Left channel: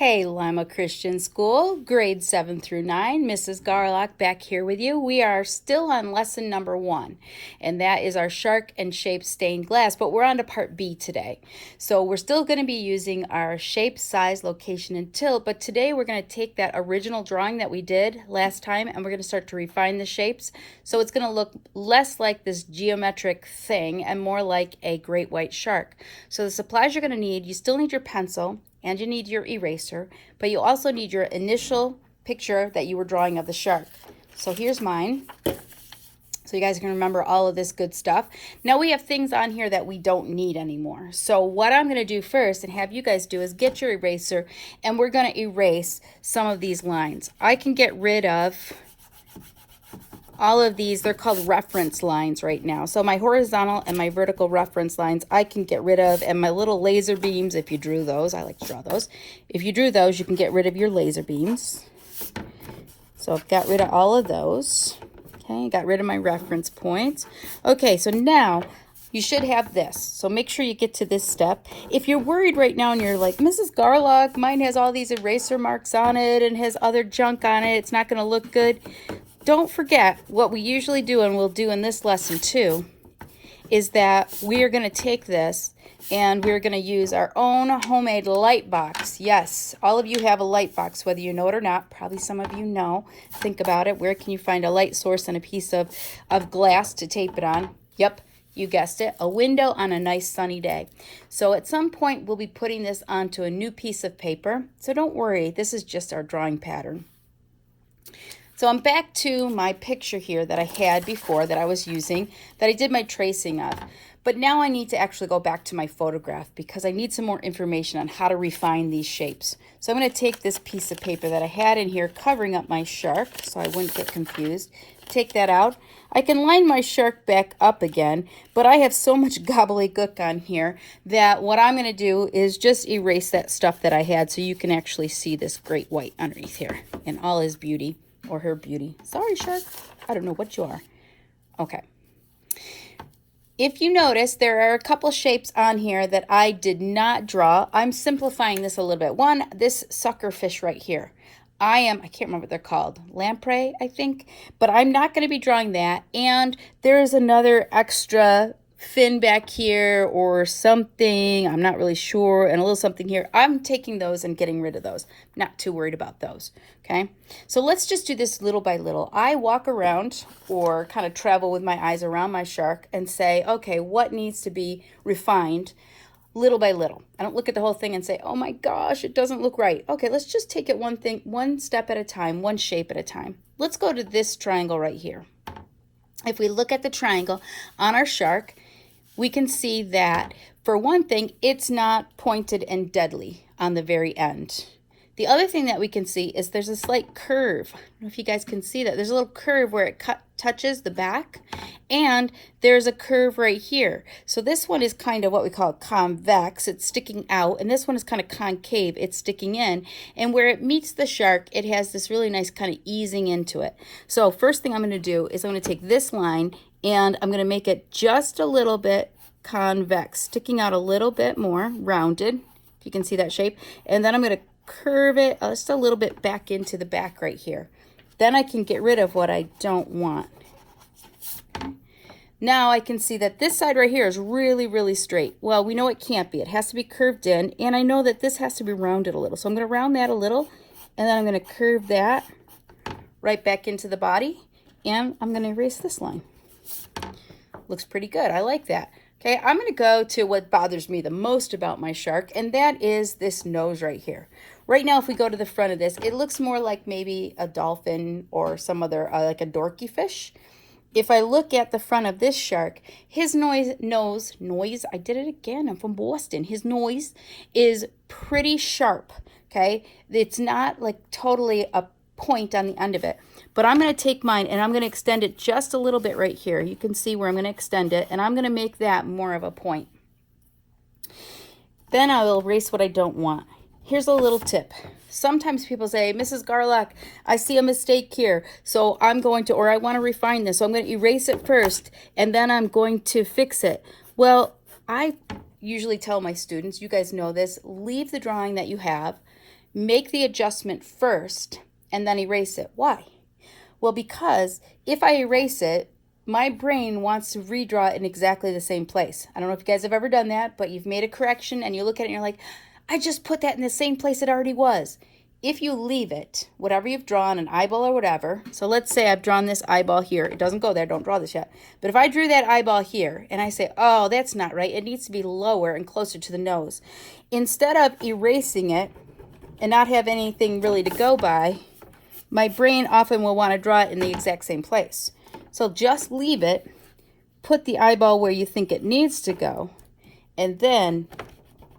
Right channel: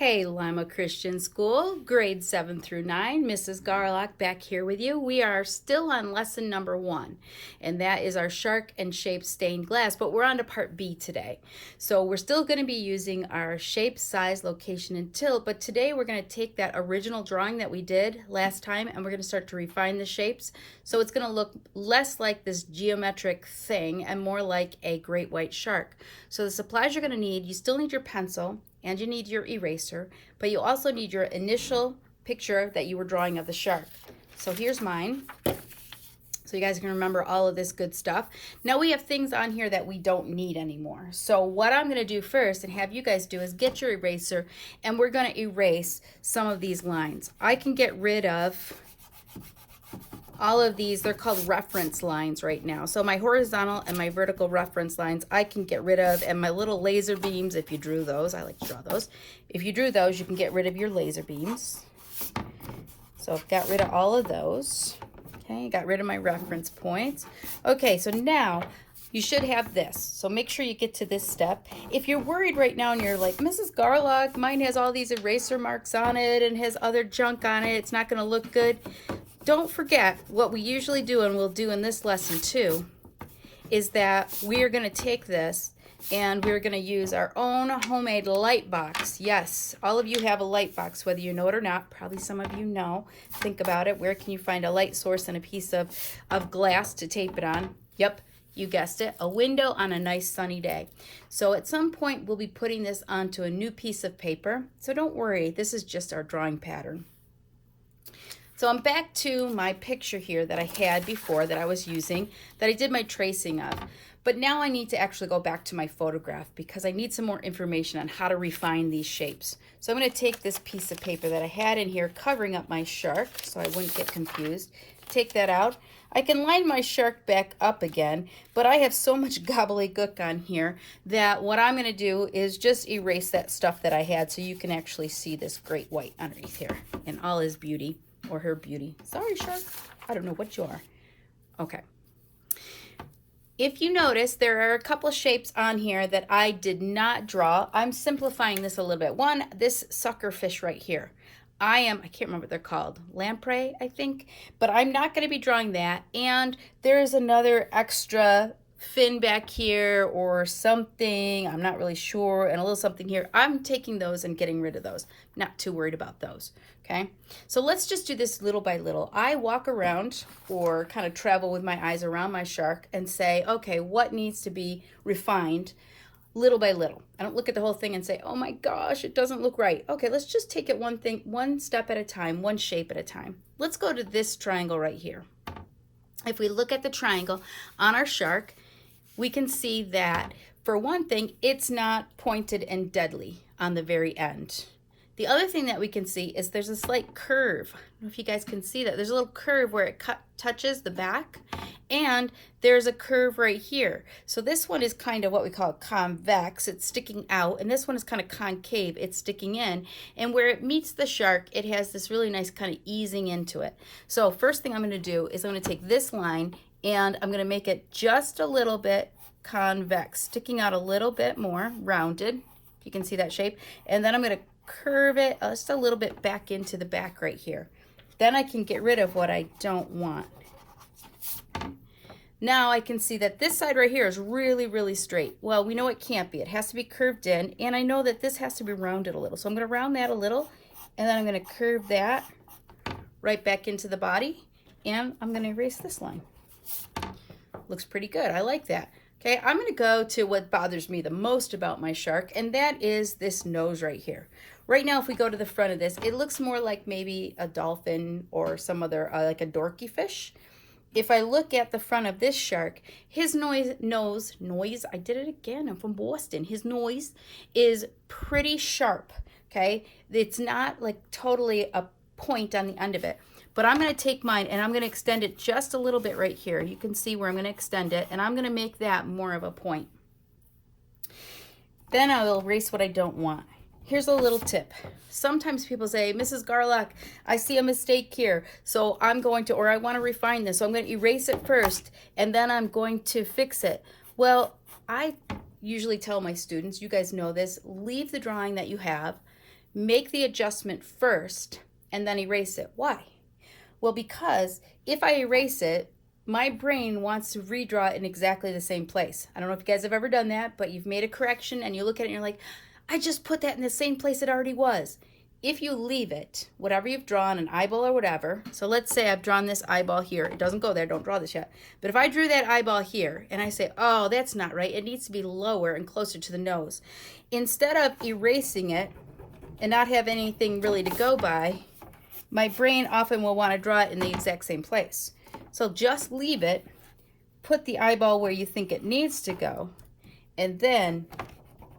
Hey, Lima Christian School, grade 7 through 9, Mrs. Garlock back here with you. We are still on lesson number 1, and that is our shark and shape stained glass, but we're on to part B today. So we're still going to be using our shape, size, location, and tilt, but today we're going to take that original drawing that we did last time, and we're going to start to refine the shapes. So it's going to look less like this geometric thing and more like a great white shark. So the supplies you're going to need, you still need your pencil, and you need your eraser, but you also need your initial picture that you were drawing of the shark. So here's mine, so you guys can remember all of this good stuff. Now we have things on here that we don't need anymore. So what I'm going to do first and have you guys do is get your eraser, and we're going to erase some of these lines. I can get rid of all of these. They're called reference lines right now. So my horizontal and my vertical reference lines I can get rid of, and my little laser beams, if you drew those, I like to draw those. If you drew those, you can get rid of your laser beams. So I've got rid of all of those. Okay, got rid of my reference points. Okay, so now you should have this. So make sure you get to this step. If you're worried right now and you're like, Mrs. Garlock, mine has all these eraser marks on it and has other junk on it, it's not going to look good. Don't forget what we usually do, and we'll do in this lesson too, is that we are going to take this and we're going to use our own homemade light box. Yes, all of you have a light box, whether you know it or not. Probably some of you know. Think about it. Where can you find a light source and a piece of glass to tape it on? Yep, you guessed it, a window on a nice sunny day. So at some point we'll be putting this onto a new piece of paper. So don't worry, this is just our drawing pattern. So I'm back to my picture here that I had before that I was using, that I did my tracing of. But now I need to actually go back to my photograph because I need some more information on how to refine these shapes. So I'm going to take this piece of paper that I had in here covering up my shark so I wouldn't get confused. Take that out. I can line my shark back up again, but I have so much gobbledygook on here that what I'm going to do is just erase that stuff that I had so you can actually see this great white underneath here in all his beauty. Or her beauty. Sorry, shark. I don't know what you are. Okay. If you notice, there are a couple shapes on here that I did not draw. I'm simplifying this a little bit. One, this sucker fish right here. I can't remember what they're called. Lamprey, I think. But I'm not going to be drawing that. And there is another extra fin back here or something. I'm not really sure. And a little something here. I'm taking those and getting rid of those. Not too worried about those. Okay, so let's just do this little by little. I walk around or kind of travel with my eyes around my shark and say, okay, what needs to be refined little by little? I don't look at the whole thing and say, oh my gosh, it doesn't look right. Okay, let's just take it one step at a time, one shape at a time. Let's go to this triangle right here. If we look at the triangle on our shark, we can see that, for one thing, it's not pointed and deadly on the very end. The other thing that we can see is there's a slight curve. I don't know if you guys can see that. There's a little curve where it touches the back, and there's a curve right here. So this one is kind of what we call convex. It's sticking out, and this one is kind of concave. It's sticking in, and where it meets the shark, it has this really nice kind of easing into it. So first thing I'm going to do is I'm going to take this line, and I'm going to make it just a little bit convex, sticking out a little bit more, rounded. If you can see that shape. And then I'm going to curve it just a little bit back into the back right here. Then I can get rid of what I don't want. Now I can see that this side right here is really, really straight. Well, we know it can't be. It has to be curved in, and I know that this has to be rounded a little. So I'm going to round that a little, and then I'm going to curve that right back into the body, and I'm going to erase this line. Looks pretty good. I like that. Okay, I'm going to go to what bothers me the most about my shark, and that is this nose right here. Right now, if we go to the front of this, it looks more like maybe a dolphin or some other, like a dorky fish. If I look at the front of this shark, his nose, I did it again, I'm from Boston. His nose is pretty sharp, okay? It's not like totally a point on the end of it. But I'm going to take mine and I'm going to extend it just a little bit right here. You can see where I'm going to extend it, and I'm going to make that more of a point. Then I will erase what I don't want. Here's a little tip. Sometimes people say, Mrs. Garlock, I see a mistake here, so I'm going to, or I want to refine this, so I'm going to erase it first, and then I'm going to fix it. Well, I usually tell my students, you guys know this, leave the drawing that you have, make the adjustment first and then erase it. Why? Well, because if I erase it, my brain wants to redraw it in exactly the same place. I don't know if you guys have ever done that, but you've made a correction and you look at it and you're like, I just put that in the same place it already was. If you leave it, whatever you've drawn, an eyeball or whatever, so let's say I've drawn this eyeball here. It doesn't go there, don't draw this yet. But if I drew that eyeball here and I say, oh, that's not right, it needs to be lower and closer to the nose. Instead of erasing it and not have anything really to go by, my brain often will want to draw it in the exact same place. So just leave it, put the eyeball where you think it needs to go, and then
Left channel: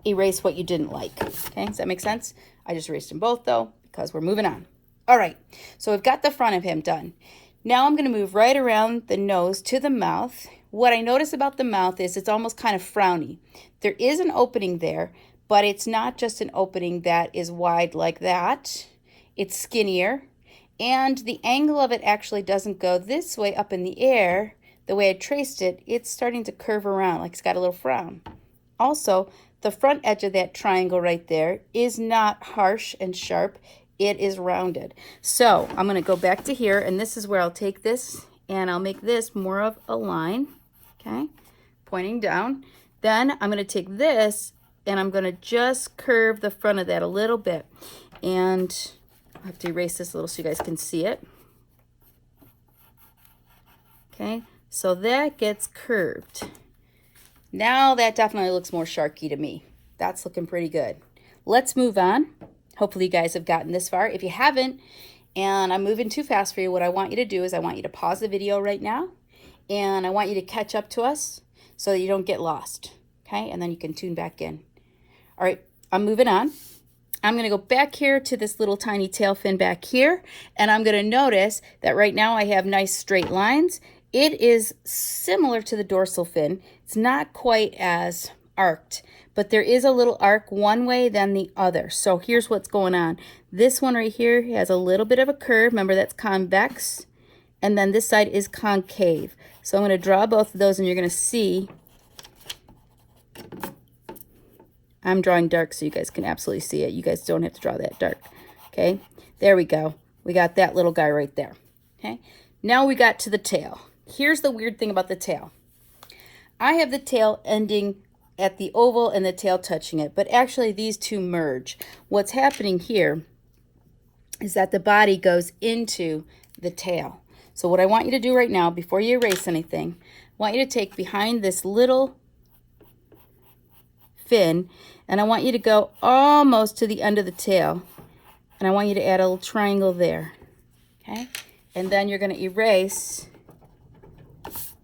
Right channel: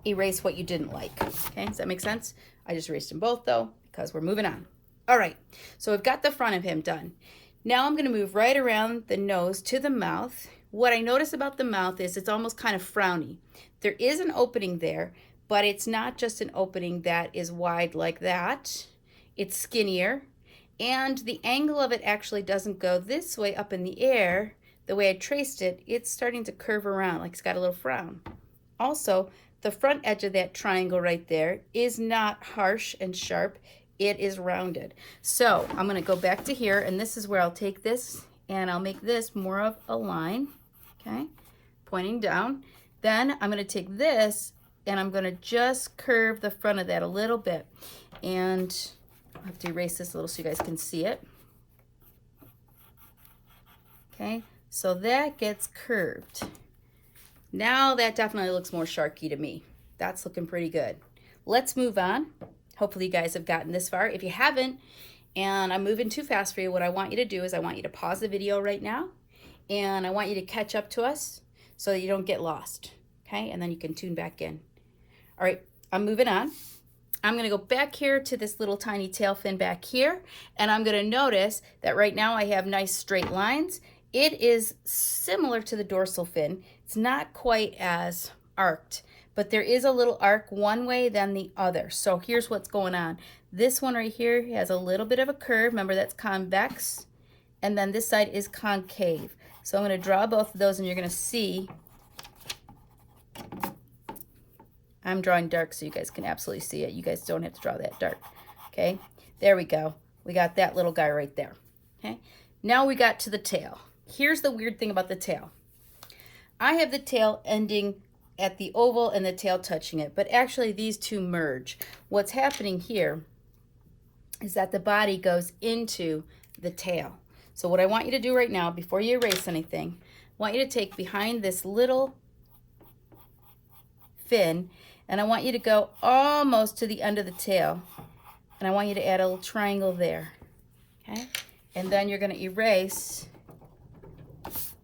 erase what you didn't like. Okay, does that make sense? I just erased them both though, because we're moving on. All right, so we've got the front of him done. Now I'm going to move right around the nose to the mouth. What I notice about the mouth is it's almost kind of frowny. There is an opening there, but it's not just an opening that is wide like that. It's skinnier. And the angle of it actually doesn't go this way up in the air. The way I traced it, it's starting to curve around like it's got a little frown. Also, the front edge of that triangle right there is not harsh and sharp. It is rounded. So I'm going to go back to here, and this is where I'll take this and I'll make this more of a line, okay, pointing down. Then I'm going to take this and I'm going to just curve the front of that a little bit. And I have to erase this a little so you guys can see it. Okay, so that gets curved. Now that definitely looks more sharky to me. That's looking pretty good. Let's move on. Hopefully you guys have gotten this far. If you haven't, and I'm moving too fast for you, what I want you to do is I want you to pause the video right now, and I want you to catch up to us so that you don't get lost. Okay, and then you can tune back in. All right, I'm moving on. I'm going to go back here to this little tiny tail fin back here, and I'm going to notice that right now I have nice straight lines. It is similar to the dorsal fin. It's not quite as arced, but there is a little arc one way than the other. So here's what's going on. This one right here has a little bit of a curve. Remember, that's convex, and then this side is concave. So I'm going to draw both of those, and you're going to see I'm drawing dark so you guys can absolutely see it. You guys don't have to draw that dark. Okay, there we go. We got that little guy right there. Okay, now we got to the tail. Here's the weird thing about the tail. I have the tail ending at the oval and the tail touching it, but actually these two merge. What's happening here is that the body goes into the tail. So what I want you to do right now, before you erase anything, I want you to take behind this little fin, and I want you to go almost to the end of the tail, and I want you to add a little triangle there. Okay, and then you're going to erase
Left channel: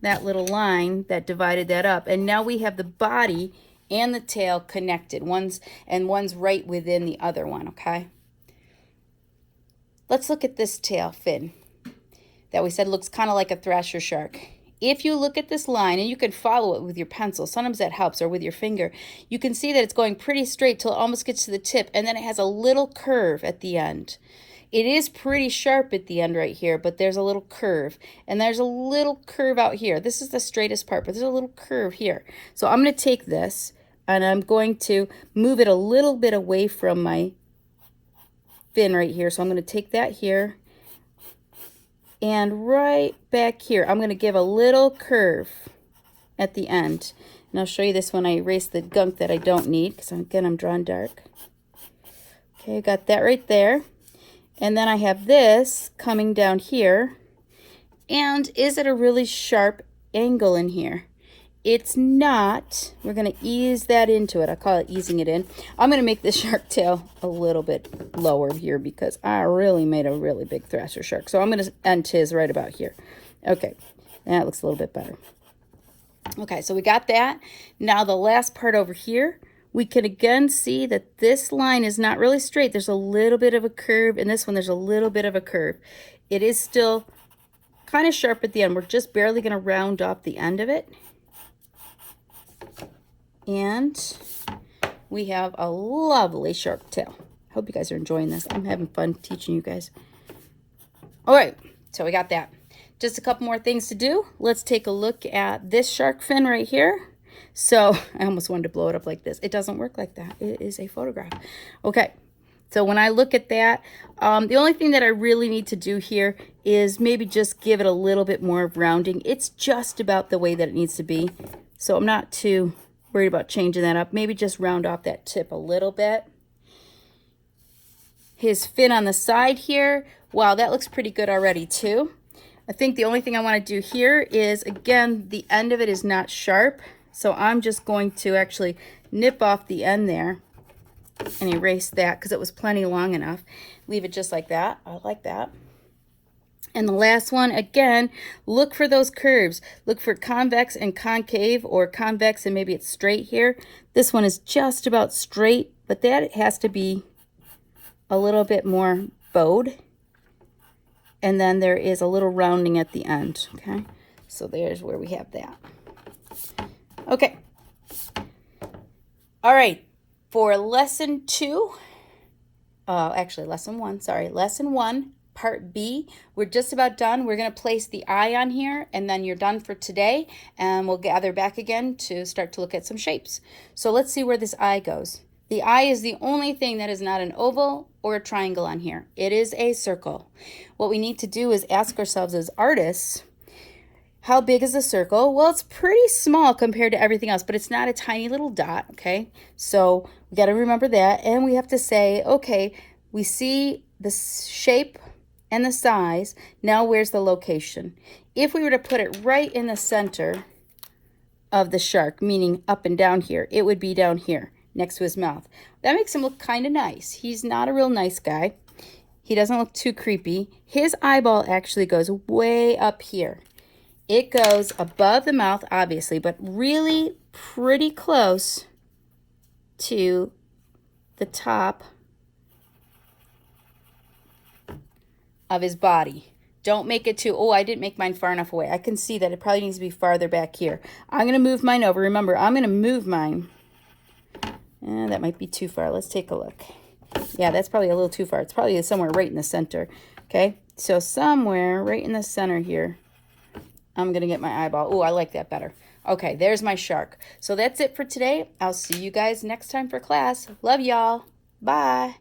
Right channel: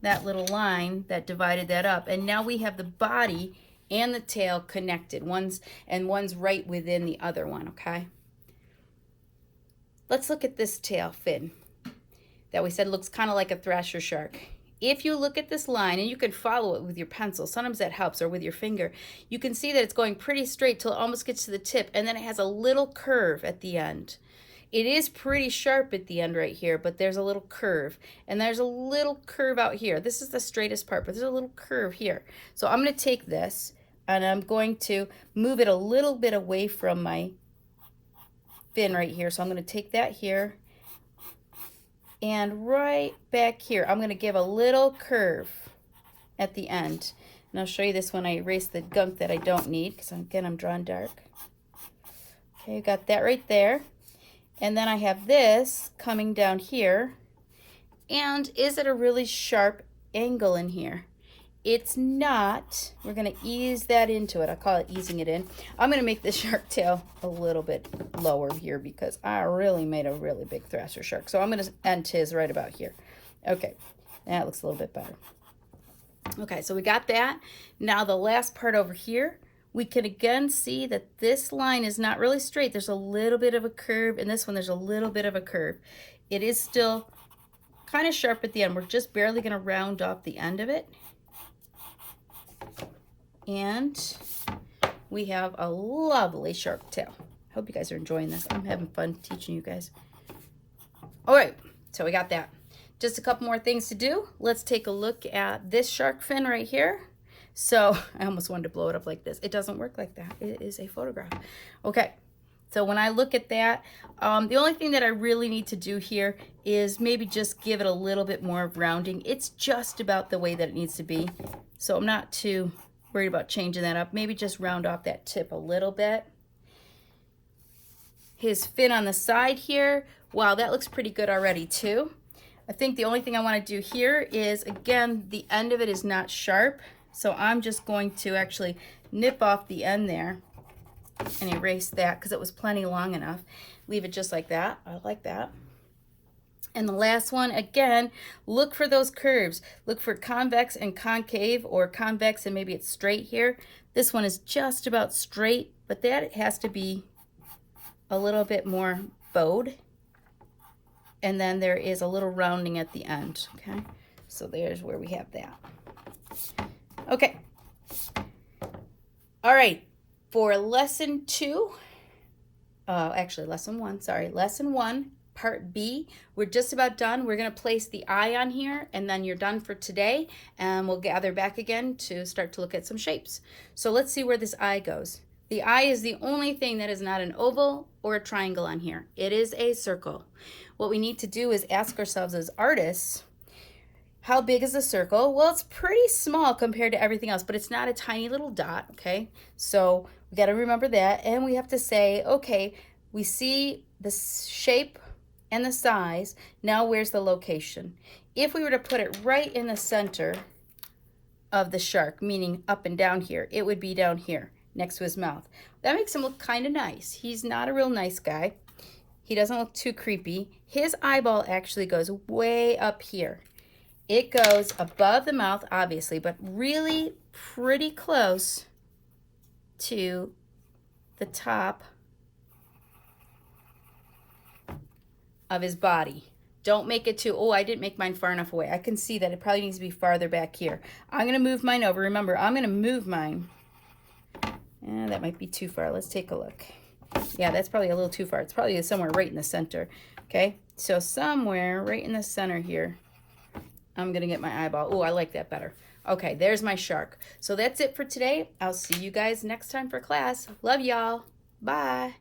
that little line that divided that up, and now we have the body and the tail connected. One's right within the other one. Okay, let's look at this tail fin that we said looks kind of like a thrasher shark. If you look at this line, and you can follow it with your pencil, sometimes that helps, or with your finger, you can see that it's going pretty straight till it almost gets to the tip, and then it has a little curve at the end. It is pretty sharp at the end right here, but there's a little curve, and there's a little curve out here. This is the straightest part, but there's a little curve here. So I'm going to take this, and I'm going to move it a little bit away from my fin right here. So I'm going to take that here, and right back here, I'm going to give a little curve at the end. And I'll show you this when I erase the gunk that I don't need, because again, I'm drawing dark. Okay, I got that right there. And then I have this coming down here. And is it a really sharp angle in here? It's not. We're going to ease that into it. I call it easing it in. I'm going to make this shark tail a little bit lower here because I really made a really big thrasher shark. So I'm going to end his right about here. Okay, that looks a little bit better. Okay, so we got that. Now the last part over here, we can again see that this line is not really straight. There's a little bit of a curve, and this one there's a little bit of a curve. It is still kind of sharp at the end. We're just barely going to round off the end of it. And we have a lovely shark tail. Hope you guys are enjoying this. I'm having fun teaching you guys. All right, so we got that. Just a couple more things to do. Let's take a look at this shark fin right here. So I almost wanted to blow it up like this. It doesn't work like that. It is a photograph. Okay, So when I look at that, the only thing that I really need to do here is maybe just give it a little bit more rounding. It's just about the way that it needs to be. So I'm not too worried about changing that up. Maybe just round off that tip a little bit. His fin on the side here, wow, that looks pretty good already too. I think the only thing I want to do here is, again, the end of it is not sharp. So I'm just going to actually nip off the end there and erase that because it was plenty long enough. Leave it just like that. I like that. And the last one, again, look for those curves. Look for convex and concave, or convex and maybe it's straight here. This one is just about straight, but that has to be a little bit more bowed. And then there is a little rounding at the end, okay? So there's where we have that. Okay. All right. For lesson 2, actually lesson 1, sorry. Lesson 1, part B, we're just about done. We're going to place the eye on here, and then you're done for today. And we'll gather back again to start to look at some shapes. So let's see where this eye goes. The eye is the only thing that is not an oval or a triangle on here. It is a circle. What we need to do is ask ourselves as artists, how big is the circle? Well, it's pretty small compared to everything else, but it's not a tiny little dot, okay? So we got to remember that, and we have to say, okay, we see the shape and the size. Now where's the location? If we were to put it right in the center of the shark, meaning up and down here, it would be down here next to his mouth. That makes him look kind of nice. He's not a real nice guy. He doesn't look too creepy. His eyeball actually goes way up here. It goes above the mouth, obviously, but really pretty close to the top of his body. Don't make it too, oh, I didn't make mine far enough away. I can see that it probably needs to be farther back here. I'm going to move mine over. Remember, I'm going to move mine. That might be too far. Let's take a look. Yeah, that's probably a little too far. It's probably somewhere right in the center. Okay, so somewhere right in the center here, I'm going to get my eyeball. Oh, I like that better. Okay, there's my shark. So that's it for today. I'll see you guys next time for class. Love y'all. Bye.